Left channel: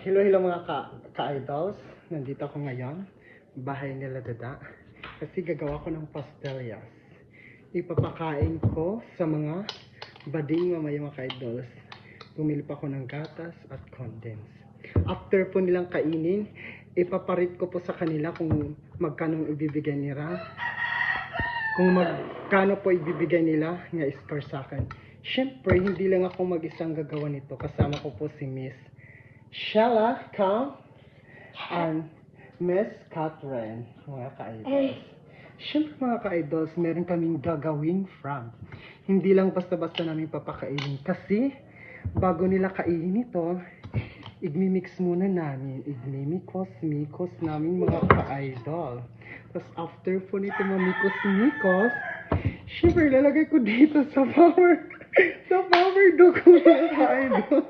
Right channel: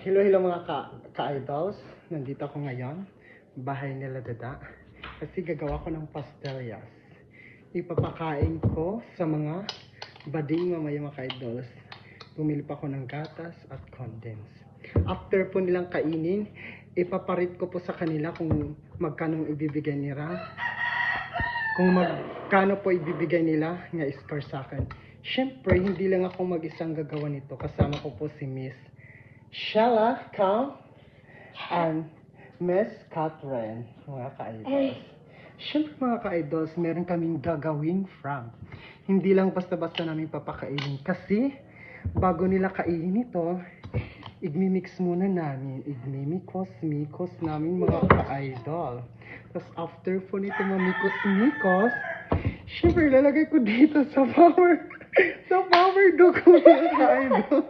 Hello mga ka-idols. Nandito ako ngayon. Bahay nila Dada. Kasi gagawa ko ng pastellas. Ipapakain ko sa mga bading mamaya mga ka-idols. Bumili pa ako ng gatas at condense. After po nilang kainin, ipaparit ko po sa kanila kung magkano ibibigay nila. Kung magkano po ibibigay nila nga score sa akin. Siyempre, hindi lang ako mag-isang gagawa nito. Kasama ko po si Miss Shella Cam and Miss Catherine, mga ka-idols. Siyempre mga ka-idols, meron kaming gagawin from. Hindi lang basta-basta namin papakainin. Kasi, bago nila kainin ito, igmimix muna namin. Igmimikos namin mga ka-idol. Tapos after po nito mamikos-mikos, siyempre lalagay ko dito sa power dugo mga ka-idol.